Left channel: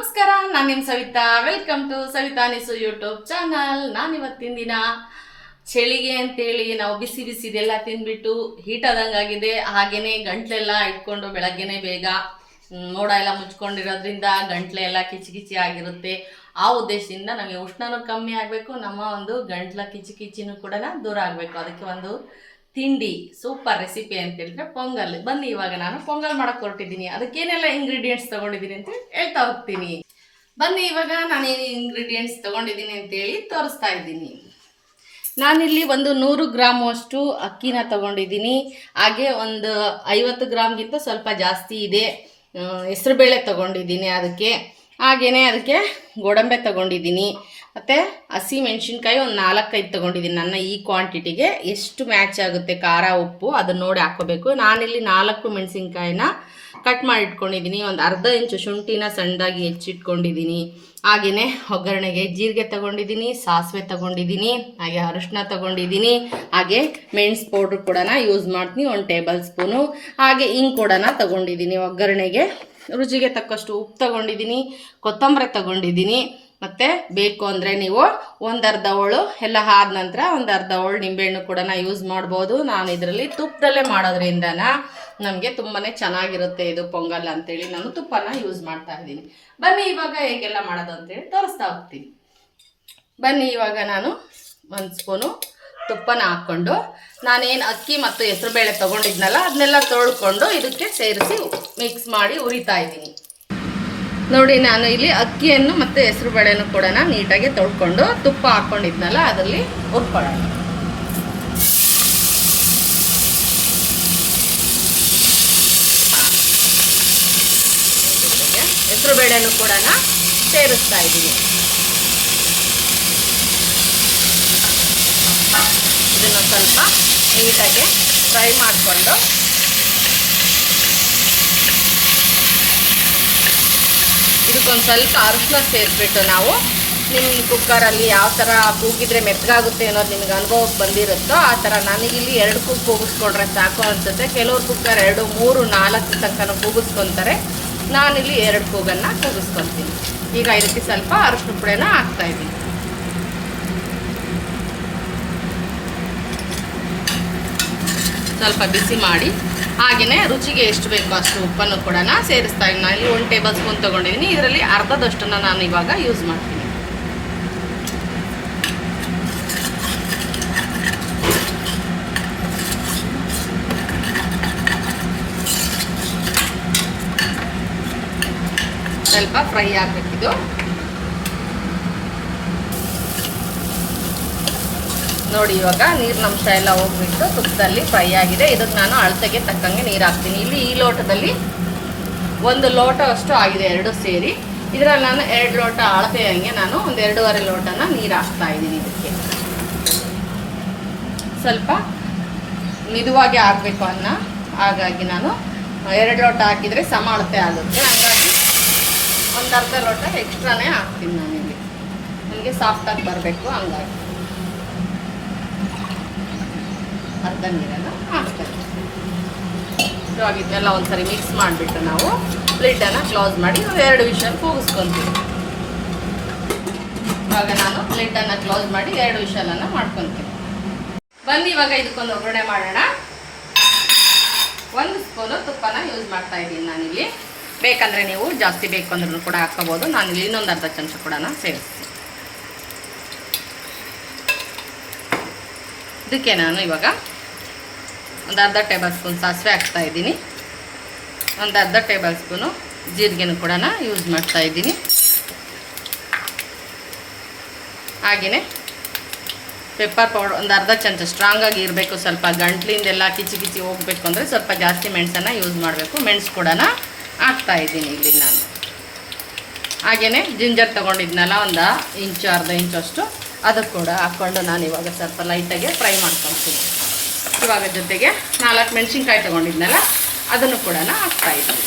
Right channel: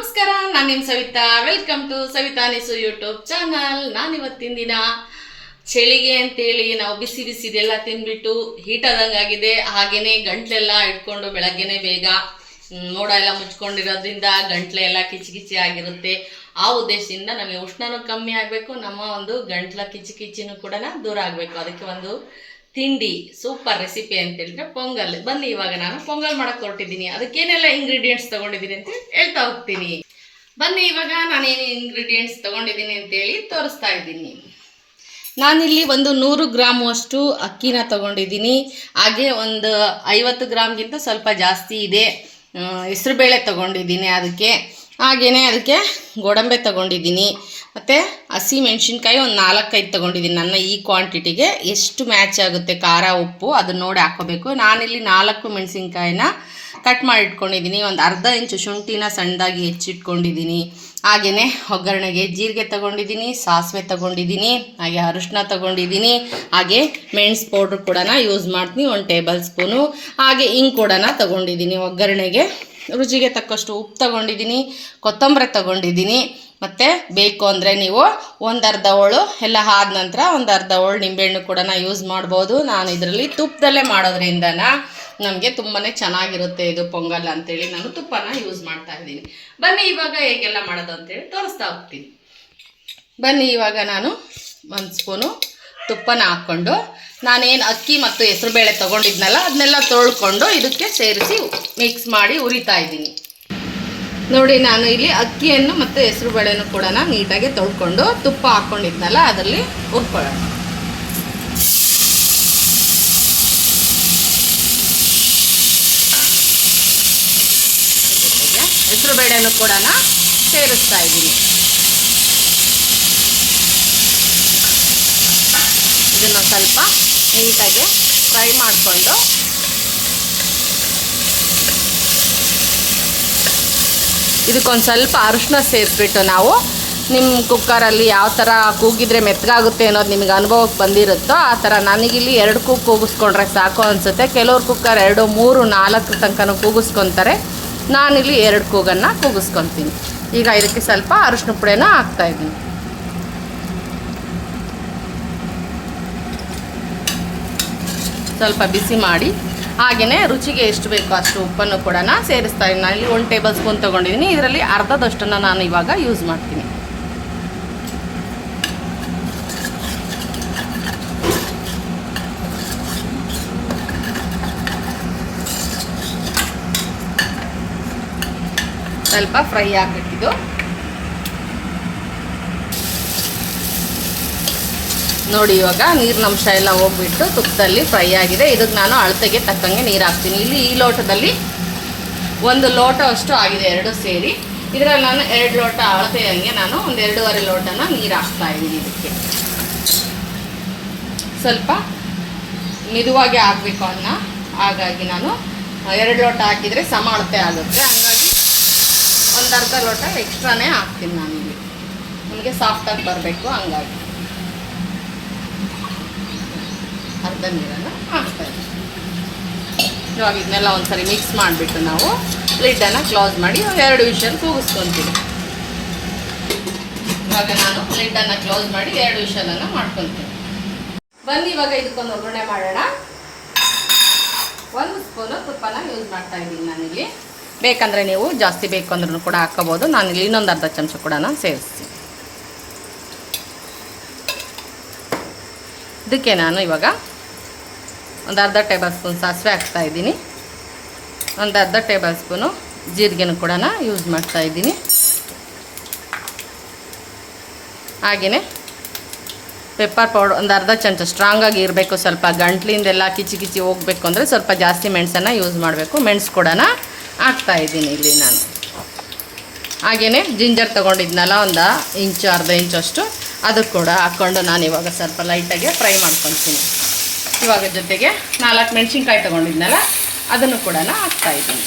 ನಮಸ್ಕಾರ, ನಾನು ನಿಮ್ಮ ಸವಿತಾ. ವೆಲ್ಕಮ್ ಟು ಸವಿತಾ ನಿಸು ಯೂಟ್ಯೂಬ್ ಚಾನಲ್. ನಾನಿವತ್ತಿನ ದಿನ ಚಳಿಗೆ ಅಂತೇಳಿ ನಾವು ಬಿಸಿ ಬಿಸಿದೆಲ್ಲ ತಿಂದ್ಬಿಟ್ಟು ಹೀಟ್ ಆದಂಗಾಗಿದೆ. ಹಾಗೆಯೇ ಗಂಟ್ಲೆಲ್ಲ ಇಟ್ಕೊಂಡು ಬೆಳಗ್ಗೆನೇ ಬೇಗ ಮೋಡ ಎಲ್ಲ ಮುಚ್ಕೊಂಡಿರೋದ್ರಿಂದ ಗಂಟ್ಲೆ ಎಲ್ಲ ಕಿಚಿ ಕಿಚಿ ಆಗಿರುತ್ತೆ. ಆ ಉದ್ದೇಶದಿಂದ ನಮಗೆ ಉಷ್ಣನೂ ಕಮ್ಮಿ ಆಗಬೇಕು, ನಮ್ಮ ಒಂದು ಗಂಟ್ಲ ಕಿಚಿ ಕಿಚಿನೂ ಕೂಡ ದೂರ ಆಗಬೇಕು. ಅದಕ್ಕೆ ಒಂದು ತಿಂಡಿ ಸೂಪರ್ ರೆಸಿಪಿ ಅಂತ ಹೇಳಿದ್ರೆ ಪೊಂಗಲ್. ಬನ್ನಿ, ಇವಾಗ ನಾನು ಪೊಂಗಲ್ ಮಾಡಕ್ಕೆ ಹೊರಟಿದ್ದೀನಿ. ಅದಕ್ಕೇನೆಲ್ಲ ಇಂಗ್ರೀಡಿಯೆಂಟ್ಸ್ ತೊಗೊಂಡಿದ್ದೀನಿ ಅಂತ ಹೇಳ್ತಾ ಹೋಗ್ತೀನಿ. ಬನ್ನಿ, ಇವಾಗ ನಾನೇನು ಇಂಗ್ರೀಡಿಯೆಂಟ್ಸ್ ತೊಗೊಂಡಿದ್ದೀನಿ ಅಂತೇಳಿ ತೋರಿಸ್ತಾ ಇದ್ದೀನಿ. ನಾನಿಲ್ಲಿ ಒಂದು 100 ಗ್ರಾಮ್ ಅಷ್ಟು ಅಕ್ಕಿನ ತೊಗೊಂಡಿದ್ದೀನಿ. ಹಾಗೆ ಒಂದು 50 ಗ್ರಾಮ್ಗಿಂತ ಸ್ವಲ್ಪ ಜಾಸ್ತಿ ಇದೆ ಹೆಸರುಬೇಳೆ ತೊಗೊಂಡಿದ್ದೀನಿ. ಹಾಗೆಯೇ ಅದಕ್ಕೆ ಗೋಡಂಬಿ ತೊಗೊಂಡಿದ್ದೀನಿ. ಮತ್ತು ಹಸಿ ಮೆಣಸಿನ್ಕಾಯಿ ಒಂದು 4-5 ತೊಗೊಂಡಿದ್ದೀನಿ. ನನ್ನ ಈ ಕ್ವಾಂಟಿಟಿಗೆ ಎಷ್ಟು ಮ್ಯಾಚ್ ಆಗುತ್ತೆ ಖಾರ ಉಪ್ಪು ಅದನ್ನ ನೋಡಿ ಹಾಕ್ಕೋಬೇಕು. ನಾನಿಲ್ಲಿ 4 ಮೆಣಸಿನ್ಕಾಯಿನ ಕಟ್ ಮಾಡಿ ಇಟ್ಕೊಂಡಿದ್ದೀನಿ. ಒಂದು ಅರ್ಧ ಇಂಚು ಶುಂಠಿನ ಸಣ್ಣದಾಗಿ ಹೆಚ್ಚಿಟ್ಕೊಂಡಿದ್ದೀನಿ. ಹಾಗೆಯೇ ಒಗ್ಗರಣೆಗೆ ಜೀರಿಗೆ ತೊಗೊಂಡಿದ್ದೀನಿ, ಸಾಸಿವೆ ತೊಗೊಂಡಿದ್ದೀನಿ, ಹಾಗೆ ಅರಿಶಿನ ತೊಗೊಂಡಿದ್ದೀನಿ. ಹಾಗೆ ಮೆಣಸು ಪೌಡ್ರ್ ಕೂಡ ಯೂಸ್ ಮಾಡ್ತೀನಿ, 1 ಟೇಬಲ್ ಸ್ಪೂನು. ಹಾಗೆ ಹಿಂಗೆ ಕೂಡ ತೊಗೊಂಡಿದ್ದೀನಿ. ಒಗ್ಗರಣೆಗೆ ರುಚಿಗೆ ತಕ್ಕಷ್ಟು ಉಪ್ಪು ತೊಗೊಂಡಿದ್ದೀನಿ, ಕೊತ್ತಂಬರಿ ತೊಗೊಂಡಿದ್ದೀನಿ. ಮತ್ತು ಬೇಕು ಅಂದರೆ ನೀವು ಒಂದು ಅರ್ಧ ಹೋಳು ಎಲ್ಲ ಆದ ನಂತರ ಒಂದು ಅರ್ಧ ಹೋಳು ನಿಂಬೆಹಣ್ಣು ಕೂಡ ಯೂಸ್ ಮಾಡ್ಬೋದು. ನಾನು ಇದರಲ್ಲಿ ತುಪ್ಪದಲ್ಲೇ ಮಾಡೋದ್ರಿಂದ ನಮಗೆ ತುಂಬಾ ಚೆನ್ನಾಗಿರುತ್ತೆ ಇದು ಪೊಂಗಲ್ ಅಂತೇಳಿ ನಾನು ತುಪ್ಪನ ಯೂಸ್ ಮಾಡ್ತಾ ಇದ್ದೀನಿ. ಬನ್ನಿ, ಇವಾಗ ಹೇಗೆಲ್ಲ ಮಾಡೋದು ಅಂತೇಳಿ ತೋರಿಸ್ತಾ ಹೋಗ್ತೀನಿ. ಬನ್ನಿ, ಇವಾಗ ನಾನು 1 ಸ್ಪೂನು ತುಪ್ಪನ ಹಾಕ್ಕೊಂಡು ನಾನೇನು ಅಕ್ಕಿ ಮತ್ತು ಹೆಸರುಬೇಳೆ ತೊಗೊಂಡಿದ್ನಲ್ಲ ಅದನ್ನೆಲ್ಲ ತೊಳ್ಕೊಂಡು ಇದಕ್ಕೆ ಸೇರಿಸಿ ಮಿಕ್ಸ್ ಮಾಡಿ ಉರಿತಾ ಇದ್ದೀನಿ. ನೋಡಿ, ನಾನು ಇಲ್ಲಿ ಅಕ್ಕಿಯನ್ನು ಮತ್ತು ಹೆಸರುಬೇಳೆನೂ ಕೂಡ ನೀಟಾಗಿ ತೊಳ್ಕೊಂಡು ತುಪ್ಪ ಹಾಕ್ಕೊಂಡಿದ್ನಲ್ಲ ಅದರಲ್ಲಿ ಹುರ್ಕೊಳ್ಳೋಣ. ಹೆಸರುಬೇಳೆನೂ ಕೂಡ ಸೇರಿಸ್ತಾ ಇದ್ದೀನಿ. ಇದನ್ನು ಸ್ವಲ್ಪ ನೀಟಾಗಿ ಫ್ರೈ ಮಾಡಿಕೊಂಡು ಇದಕ್ಕೊಂದು ಸ್ವಲ್ಪ ಅರಿಶಿನ ಸೇರಿಸ್ಬಿಟ್ಟು ನಾವು ನಿಮ್ಮ ಕುಕ್ಕರಲ್ಲಿ ಯಾವ ಥರ ಕೂಗಿದ್ರೆ ಮೆತ್ತಗಾಗುತ್ತೆ ಅನ್ನೋದು ನಿಮ್ಗೆ ಅನುಭವಕ್ಕೆ ಬಂದಿರುತ್ತೋ ಆ ಥರ ನನಗಿಲ್ಲಿ 2 ಕೂಗು ಕೂಗಿಸ್ಕೊಂಡ್ರೆ ಸಾಕು ಅನಿಸುತ್ತೆ. ಕೆಲವ್ರು ಕುಕ್ಕರ್ 2, 3, 4 ತನಕ ಕೂಗಿಸ್ಕೊತಾರೆ. ನಾನಿಲ್ಲಿ 2 ಕೂಗನ್ನು ಕೂಗಿಸ್ಕೊತೀನಿ. ಈಗ ಇದಕ್ಕೆ ಸ್ವಲ್ಪ ಅರಿಶಿನ ಪುಡಿನ ಹಾಕ್ತಾಯಿದ್ದೀನಿ. ಸ್ವಲ್ಪ ಬಿಸಿ ಮಾಡಿ ಹಾಗೆಯೇ ರುಚಿಗೆ ಎಷ್ಟು ಬೇಕೋ ಅಷ್ಟು ಉಪ್ಪನ್ನು ಕೂಡ ಸೇರಿಸ್ತಾ ಇದ್ದೀನಿ. ನಾನು ಇಲ್ಲಿ 1 ಟೇಬಲ್ ಸ್ಪೂನ್ ತೊಗೊಂಡಿದ್ದೀನಿ. ಇದರಲ್ಲಿ ಅರ್ಧದಷ್ಟನ್ನು ನಾನು ಇವಾಗ ಯೂಸ್ ಮಾಡ್ತೀನಿ. ಸ್ವಲ್ಪ ಫ್ರೈ ಆಗಬೇಕಿದು. ನೋಡಿ, ಇವಾಗ ನೀರಿನ ಅಂಶ ಎಲ್ಲ ಹೋಗ್ಬಿಟ್ಟು ತುಪ್ಪದಲ್ಲಿ ಫ್ರೈ ಆಗಿದೆ. ಇದಕ್ಕೆ ನಾನು ಅಳತೆಗೆ ತಕ್ಕಂಗೆ ನೀರು ಹಾಕ್ತೀನಿ. ಇಲ್ಲಿ ಈ ಲೋಟದಲ್ಲಿ 1 ಲೋಟ ಅಷ್ಟು ಆಗಿದೆ 2 ಸೇರಿ. ಇದರಲ್ಲಿ ನಾನು 2 ಲೋಟ ಅಳತೆಯಾಗಿ ನಾನು ಒಂದು 2.5 ಲೋಟನ ನೀರು ಹಾಕ್ತಾ ಇದ್ದೀನಿ. ಇದಕ್ಕೆ ಸ್ವಲ್ಪ ಮಿದುವಾಗಿ ಆಗಬೇಕು ಅನ್ನ. ಹಾಗಾಗಿ ನಾನು 2 ಲೋಟ ಹಾಕಿದರೆ ಸಮ ಅಳತೆ ಆಗುತ್ತೆ. ಹಾಗಾಗಿ ಒಂದು ಅರ್ಧ ಲೋಟ ಎಕ್ಸ್ಟ್ರಾನೇ ಹಾಕ್ತೀನಿ ನಾನು ಇಲ್ಲಿ, ನಮಗೆ ಸಾಫ್ಟಾಗಿ ಬರಬೇಕು. ಹಂಗಾಗಿ ಅರ್ಧ ನೀರನ್ನು ಹಾಕ್ತಾರೆ. ಇವಾಗ ಇದನ್ನೆಲ್ಲ ಒಂದ್ಸರಿ ಮಿಕ್ಸ್ ಮಾಡಿಬಿಟ್ಟು ನಾವು ಲಿಡ್ಡನ್ನು ಕ್ಲೋಸ್ ಮಾಡಿ ಒಂದು 2 ವಿಷಲ್ ಕೂಗಿಸ್ಕೊತೀವಿ. ಇವಾಗ ನಾನು ಲಿಡ್ಡನ್ನು ಕ್ಲೋಸ್ ಮಾಡಿ 2 ವಿಷಲನ್ನು ಮಾಡ್ಕೊತೀನಿ. ಬನ್ನಿ, ಇವಾಗ ಇದಕ್ಕೊಂದು ಒಗ್ಗರಣೆ ಮಾಡೋಣ. 1 ಸ್ಪೂನು ತುಪ್ಪನ ಯೂಸ್ ಮಾಡ್ತಾ ಇದ್ದೀನಿ ನಾನಿಲ್ಲಿ. ಬೇಕಂದರೆ ನೀವು ಜಾಸ್ತಿ ಬೇಕು ಅಂದ್ರೂ ಕೂಡ ಹಾಕ್ಕೋಬೋದು. ನಾನಿಲ್ಲಿ ಇನ್ನೊಂದು ಅರ್ಧ ಚಮಚ ಕೂಡ ಸೇರಿಸ್ತೀನಿ. ಇದಕ್ಕೆ ನಾನು ಇವಾಗ ಒಂದು ಅರ್ಧ ಟೇಬಲ್ ಸ್ಪೂನ್ ಸಾಸಿವೆ ಹಾಕ್ತಾ ಇದ್ದೀನಿ. ಒಂದು ಅರ್ಧ ಟೇಬಲ್ ಸ್ಪೂನು ಜೀರಿಗೆನೂ ಕೂಡ ಯೂಸ್ ಮಾಡ್ತಾ ಇದ್ದೀನಿ. ಹಾಗೆಯೇ ಪೆಪ್ಪರ್ ಪೌಡರ್ ಒಂದು ಅರ್ಧ ಚಮಚ ಸ್ಟ್ರಾಂಗಾಗಿ ಇರಬೇಕು. ಸ್ವಲ್ಪ ಗಂಟ್ಲಿಂದೆಲ್ಲ ಕಿಚಿ ಕಿಚಿ ಹೋಗಬೇಕು ಅಂದರೆ ಸ್ವಲ್ಪ ಜಾಸ್ತಿ ಮೆಣಸನ್ನು ಯೂಸ್ ಮಾಡಬೇಕು. ಮೆಣಸು ಕೂಡ ಹಾಕ್ತಾ ಇದ್ದೀನಿ ಇಲ್ಲಿ ನಾನು. ಹಾಗೆಯೇ ಜಿಂಜರ್ ತೊಗೊಂಡಿದ್ನಲ್ಲ ಒಂದು ಇಂಚು ಅರ್ಧ ಇಂಚು ಅಷ್ಟು, ಅದು ಕೂಡ ಹಾಕ್ಕೊಂಡು ನಾನು ಇವಾಗ ಸ್ವಲ್ಪ ಲೈಟಾಗಿ ಫ್ರೈ ಮಾಡ್ಕೊತೀನಿ. ಇವಾಗ ಜೊತೆಗೆ 4 ಮೆಣಸಿನ್ಕಾಯಿ ತೊಗೊಂಡಿದ್ನಲ್ಲ ಅದನ್ನು ಕೂಡ ಹಾಕ್ತಾಯಿದ್ದೀನಿ.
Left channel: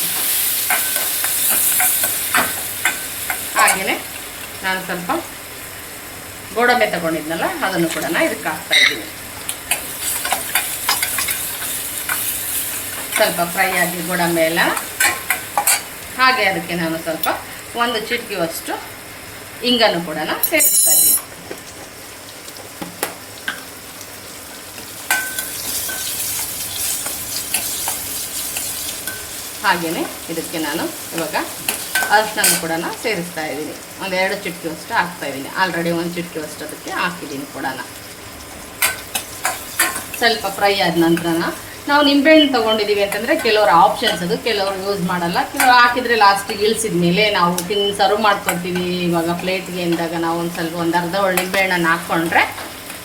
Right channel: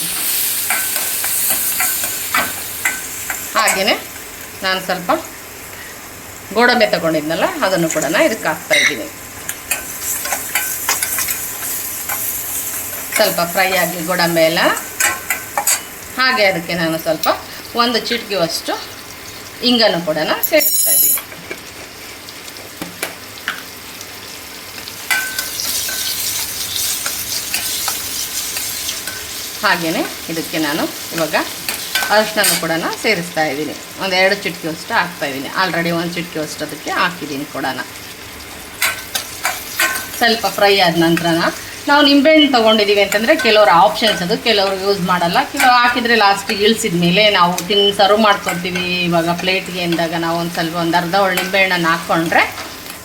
ಹಾಗೆಯೇ ನಾನು ಸ್ವಲ್ಪ ಗೋಡಂಬಿ ತೊಗೊಂಡಿದ್ನಲ್ಲ ಅದನ್ನು ಕೂಡ ಇದಕ್ಕೆ ಹಾಕ್ತಾಯಿದ್ದೀನಿ. ಸ್ವಲ್ಪ ಫ್ರೈ ಆಗಿ ಗೋಡಂಬಿ ಎಲ್ಲ. ಹಾಗೆ ಅದಕ್ಕೆ ನಾನು ಸ್ವಲ್ಪ ಒಂದು ಚಿಟಿಕೆಯಷ್ಟು ಇಂಗನ್ನು ಕೂಡ ಸೇರಿಸ್ತಾ ಇದ್ದೀನಿ. ಹಾಗೆಯೇ ಇದಕ್ಕೆ ನಾನು ಇವಾಗ ಅರಿಶಿನ ಕೂಡ ಸೇರಿಸ್ತಾ ಇದ್ದೀನಿ. ಒಂದು 2 ಚಿಟಿಕೆಯಷ್ಟು ಹಾಕ್ತಾಯಿದ್ದೀನಿ. ಆಲ್ರೆಡಿ 1 ಚಿಟಿಕೆಯಷ್ಟು ಅದಕ್ಕೆ ಹಾಕಿದ್ದೀನಿ ಕೂಡ. ಸ್ವಲ್ಪ ಫ್ರೈ ಆದ ನಂತರ ನಾವು ನಿಂಬೆಹಣ್ಣು ತೊಗೊಂಡಿದ್ದೀವಿ ಅಂತಂದರೆ ಕೆಲವರು ಆಪ್ಷನ್ಸ್ ಅದು, ಕೆಲವರು ಯೂಸ್ ಮಾಡಲ್ಲ. ಕೆಲವರು ಹಾಕಿದರೆ ಲಾಸ್ಟಿಗೆ ಇಳಿಸಿದ ಮೇಲೆ ನಾವು ಸರ್ವ್ ಮಾಡ್ಕೊತೀವಿ. ಇವಾಗ ಪ್ಲೇಟ್ಗೆ ಎಂದಾಗ ನಾವು ಒಂದು ಅರ್ಧ ಒಳ್ಳೆ ನಿಂಬೆಹಣ್ಣನ್ನು ಹಾಕ್ಕೊಂಡ್ರೆ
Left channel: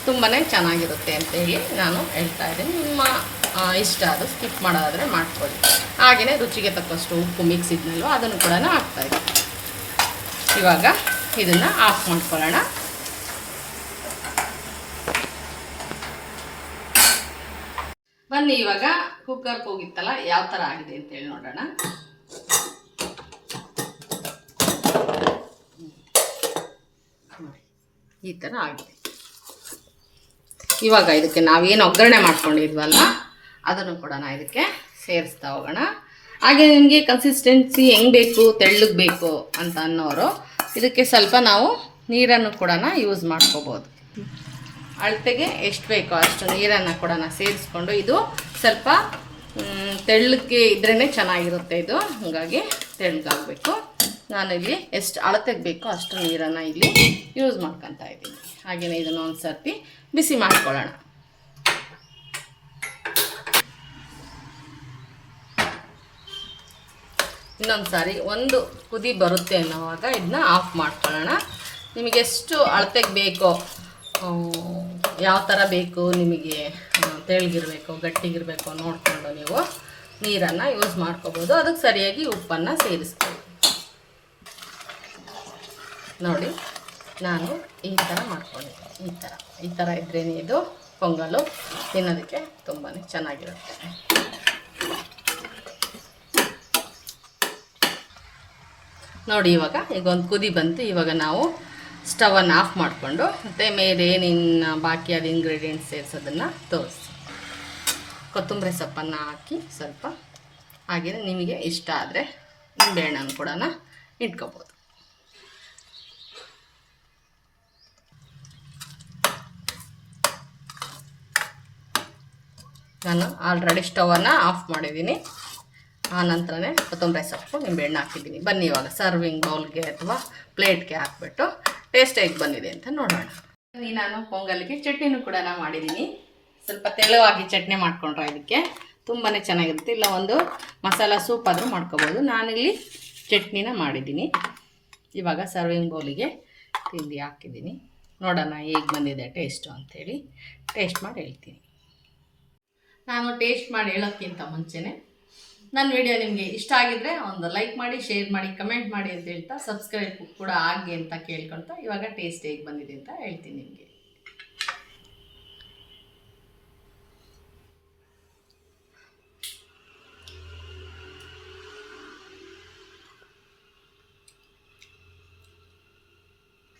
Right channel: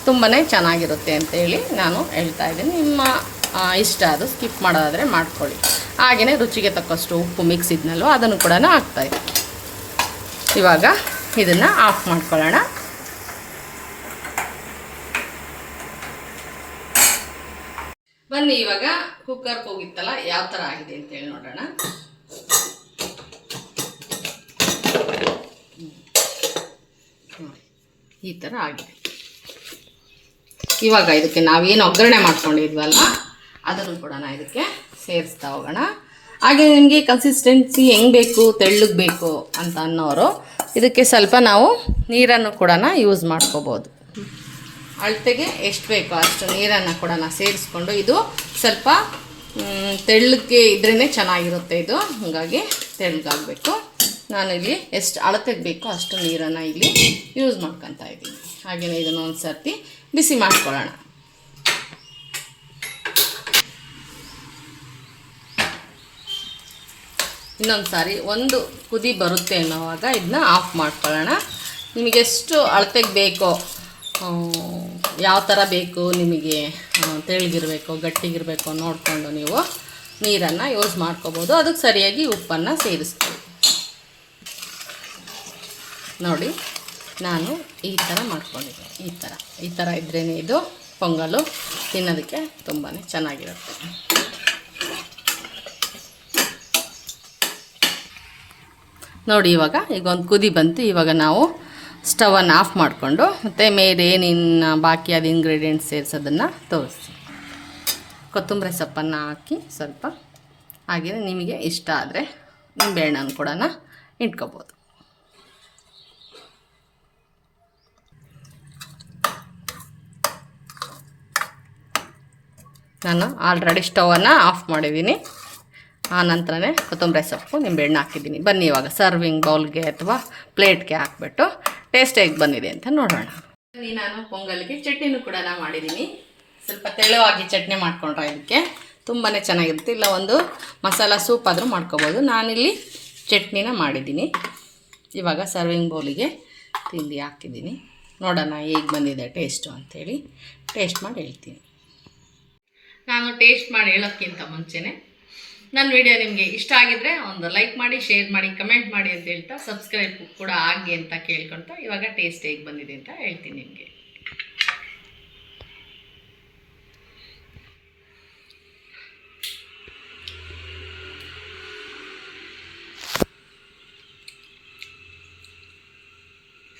ತುಂಬಾ ಚೆನ್ನಾಗಿರುತ್ತೆ ಅಂತೇಳಿ ನಾನು ಹೇಳ್ತಾ ಇದ್ದೀನಿ. ನಿಮ್ಮ ಇಷ್ಟ ಅದು, ಸ್ಕಿಪ್ ಮಾಡೋದಾದರೆ ಮಾಡ್ಕೊಳ್ಳಿ. ಹಾಗೆಯೇ ರುಚಿಗೆ ತಕ್ಕಷ್ಟು ಉಪ್ಪು ಮಿಕ್ಸ್ ಇದ್ನಲ್ವ ಅದನ್ನು ಕೂಡ ಹಾಕ್ತಾಯಿದ್ದೆ. ಇವಾಗ ಇದನ್ನು ಆಫ್ ಮಾಡ್ಕೊಳ್ಳೋಣ. ಬನ್ನಿ ಇವಾಗ ಕುಕ್ಕರ್ಗೆ ಹೋಗಿತ್ತಲ್ಲ ಯಾವ ಥರ ಆಗಿದೆ ಅಂತೇಳಿ ನೋಡೋಣ. ಈ ಥರ ಆಗಿದೆ. ಇವಾಗ ಇದಕ್ಕೆ ನಾವೇನು ಒಗ್ಗರಣೆ ಮಾಡ್ಕೊಂಡಿದ್ವಲ್ಲ ಅದನ್ನು ಕೂಡ ಇದಕ್ಕೆ ಸೇರಿಸ್ತಾ ಹೋಗೋಣ. ಹಾಗೆ ನಿಮಗೆ ಕನ್ಸಿಸ್ಟೆನ್ಸಿ ಹೆಂಗೆ ಬೇಕು, ತೆಳ್ಳಗೆ ಬೇಕು ಅಂತ ಅನ್ನೋರು ಇದಕ್ಕೆ ಸ್ವಲ್ಪ ನಾವು ನೀರನ್ನು ಕೂಡ ಯೂಸ್ ಮಾಡ್ಕೋಬೋದು. ಅಳತೆಗೆ ಎಷ್ಟು ಬೇಕೋ ಅಷ್ಟು ನೀರನ್ನು ಕೂಡ ಸೇರಿಸ್ಕೊಂಡು, ಇದು ಸ್ವಲ್ಪ ತೆಳ್ಳಗೆ ಇದ್ರೇ ಚೆನ್ನಾಗಿರುತ್ತೆ. ಇದು ಹಾಗಾಗಿ ತೆಳ್ಳಗಾಗಬೇಕು. ನಾನಿಲ್ಲಿ ಎಷ್ಟು ಅಳತೆಗೆ ಬೇಕೋ ಅಷ್ಟು ನೀರನ್ನು ಇಲ್ಲಿ ಯೂಸ್ ಮಾಡ್ಕೊತಾ ಇದ್ದೀನಿ. ಹಾಗೆಯೇ ಇದನ್ನು ಒಂದು ಸರ್ತಿ ಬಿಸಿ ಮಾಡ್ಕೊಳ್ಳೋಣ. ಇನ್ನೊಂದು ಸಾರಿ ಒಂದು ಕುದಿ ಬರುತ್ತೆ ಅನ್ನೋವಾಗ ಇದನ್ನ ಆಫ್ ಮಾಡ್ಕೊಳ್ಳೋಣ. ನಿಮಗೆಷ್ಟು ಅಳತೆಗೆ ಬೇಕೋ, ಯಾವ ಥರ ಬೇಕು ನಿಮಗೆ, ತೆಳ್ಳಗಿರಬೇಕು ಗಟ್ಟಿಗಿರಬೇಕು ನೋಡಿಕೊಂಡು ನೀವು ನೀರನ್ನು ಯೂಸ್ ಮಾಡ್ಕೋಬೋದು. ಅದಕ್ಕೆ ಸರಿಯಾಗಿ ಉಪ್ಪನ್ನು ಸೇರಿಸ್ತೀವಿ. ನೋಡಿ ನಾನು ಈ ಥರ ಮಾಡ್ಕೊಂಡಿದ್ದೀನಿ. ಈ ಥರ ಇದ್ರೇ ಇದು ಪೊಂಗಲು ತಿನ್ನೋದಕ್ಕೆ ತುಂಬಾ ಚೆನ್ನಾಗಿರುತ್ತೆ. ನೋಡಿ ಈಗ ಒಂದು ಕುದಿ ಬಂತು. ಇವಾಗ ನಾವು ಸ್ಟವನ್ನು ಆಫ್ ಮಾಡಿಕೊಂಡು ಮತ್ತು ಮೇಲೆ ಏನೇನು ಬಾಕಿ ಅದು ಇಂಗ್ರೀಡಿಯೆಂಟ್ಸ್ ಸೇರಿಸೋದನ್ನು ತೋರಿಸಿ, ಕೊತ್ತಂಬರಿ ಸೊಪ್ಪನ್ನು ಹಾಕಿ ಸ್ವಲ್ಪ, ಹಾಗೆಯೇ ನಿಮಗೆ ಇಷ್ಟ ಆದರೆ ನಿಂಬೆಹಣ್ಣನ್ನು ಕೂಡ ಇಟ್ಕೋಬೋದು. ನಾನು ಆಲ್ರೆಡಿ ಸ್ಟವನ್ನು ಆಫ್ ಮಾಡಿದ್ದೀನಿ. ಆ ನಂತರನೇ ಕೊತ್ತಂಬರಿ ಸೊಪ್ಪು ನಿಂಬೆಹಣ್ಣು ಹಾಕಿದ್ದೀನಿ. ಬನ್ನಿ ಇವಾಗ ಸರ್ವಿಂಗ್ ಬೌಲ್ಗೆ ಅಥವಾ ಪ್ಲೇಟ್ಗೆ ಹಾಕ್ಬಿಟ್ಟು ಟೇಸ್ಟ್ ಹೇಗೆ ಬಂದಿದೆ ಅಂತ ನೋಡೋಣ. ನಾನು ಪೊಂಗಲ್ಗೆ ಚಟ್ನಿನೂ ಕೂಡ ಮಾಡಿದ್ದೀನಿ. ಸ್ವಲ್ಪ ತೆಳುವಾಗಿ ಚಟ್ನಿ ಮಾಡ್ಕೊಂಡ್ರೆ ಇದಕ್ಕೆ ತುಂಬಾ ಚೆನ್ನಾಗಿರುತ್ತೆ. ಇಲ್ಲ ಒಂದು ಮಸಾಲ ಸೂಪ್ ಆದರೂ ಮಾಡ್ಕೋಬೋದು. ನಾನಿಲ್ಲಿ ಚಟ್ನಿನ ಮಾಡಿದ್ದೀನಿ. ಇವಾಗ ಸರ್ವಿಂಗ್ ಬೌಲಿಗೆ ತಿಂಡಿ ಹಾಕಿದ್ದೀನಿ. ನೋಡೋಣ ಹೇಗೆ ಬಂದಿದೆ ಟೇಸ್ಟು ಅಂಥೇಳಿ ಟೇಸ್ಟ್ ಮಾಡಿ ಹೇಳ್ತೀನಿ. ನಾನು ಟೇಸ್ಟ್ ಮಾಡಿ ಹೇಳೋಕ್ಕಿಂತ ಮುಂಚೆನೇ ನನ್ನ ವಿಡಿಯೋ ನಿಮಗೆ ಇಷ್ಟ ಆಗಿದ್ದರೆ ಒಂದು ಲೈಕ್ ಮಾಡಿ, ಶೇರ್ ಮಾಡಿ, ಕಮೆಂಟ್ ಮಾಡಿ ಅಂತ ಹೇಳ್ತಾ ಸಬ್ಸ್ಕ್ರೈಬ್ ಕೂಡ ಆಗಿ ಅಂತ ಕೇಳ್ಕೊಳ್ತಾ ಇವಾಗ ಟೇಸ್ಟ್ ಹೇಗೆ ಬಂದಿದೆ ಅಂತ ಹೇಳ್ತೀನಿ ನಿಮಗೆ.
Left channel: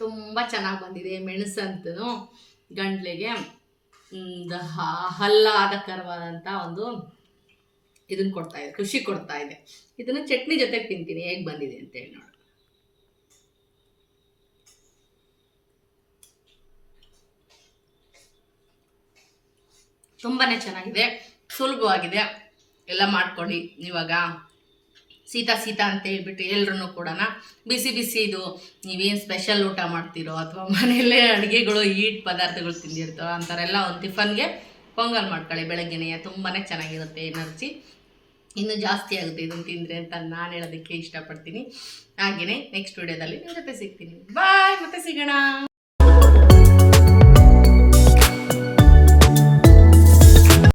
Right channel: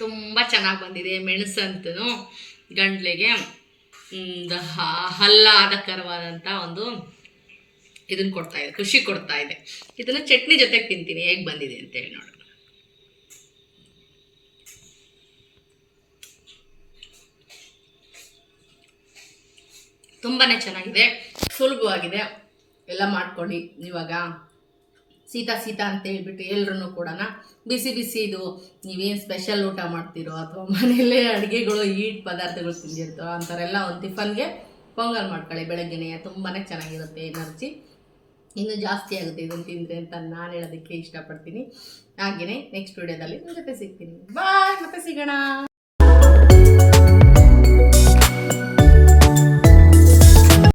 ತುಂಬ ಚೆನ್ನಾಗಿ ಬಂದಿದೆ. ಮೆಣಸಂತೂ ಗಂಟ್ಲಿಗೆ ಆಹ್ಲಾದಕರವಾದಂಥ ಒಂದು ಇದನ್ನು ಕೊಡ್ತಾ ಇದೆ, ಖುಷಿ ಕೊಡ್ತಾ ಇದೆ. ಇದನ್ನು ಚಟ್ನಿ ಜೊತೆಗೆ ತಿಂತೀನಿ ಹೇಗೆ ಬಂದಿದೆ ಅಂತೇಳಿ ನೋಡೋಣ. ತುಂಬಾ ಚೆನ್ನಾಗಿದೆ, ಸುಲಭವಾಗಿದೆ. ಎಲ್ಲ ಮಾಡ್ಕೊಳ್ಳಿ. ಇವಾಗ ಶೀತ ಅಂತ ಹೇಳ್ಬಿಟ್ಟು ಎಲ್ಲರೂ ಕೂಡ ಬಿಸಿ ಇದು ನೀವೇನು ಸ್ಪೆಷಲ್ ಊಟ ಮಾಡ್ತೀರೋ ಅಥವಾ ಮನೆಯಲ್ಲೇ ಅಡುಗೆಗಳು ಈಟ್ ಪದಾರ್ಥಗಳು ತಿಂದಿರ್ತಾರೋ ಅಂಥವರೆಲ್ಲ ಒಂದು ಟಿಫನ್ಗೆ ಪೊಂಗಲ್ ಮಾಡ್ಕೊಳ್ಳಿ ಬೆಳಗ್ಗೆನೇ. ತುಂಬಾ ಚೆನ್ನಾಗಿರುತ್ತೆ, ಎನರ್ಜಿ ಇನ್ನೂ ಜಾಸ್ತಿ ಆಗುತ್ತೆ ಇದನ್ನು ತಿಂದರೆ ಅಂತ ನಾನು ಹೇಳೋದಕ್ಕೆ ಇಷ್ಟಪಡ್ತೀನಿ. ಹಾಗೆಯೇ ನೆಕ್ಸ್ಟ್ ವಿಡಿಯೋದಲ್ಲಿ ನಿಮ್ಮ ಜೊತೆ ಸಿಗ್ತೀನಿ. ಬಾಯ್, ಮತ್ತೆ ಸಿಗೋಣ.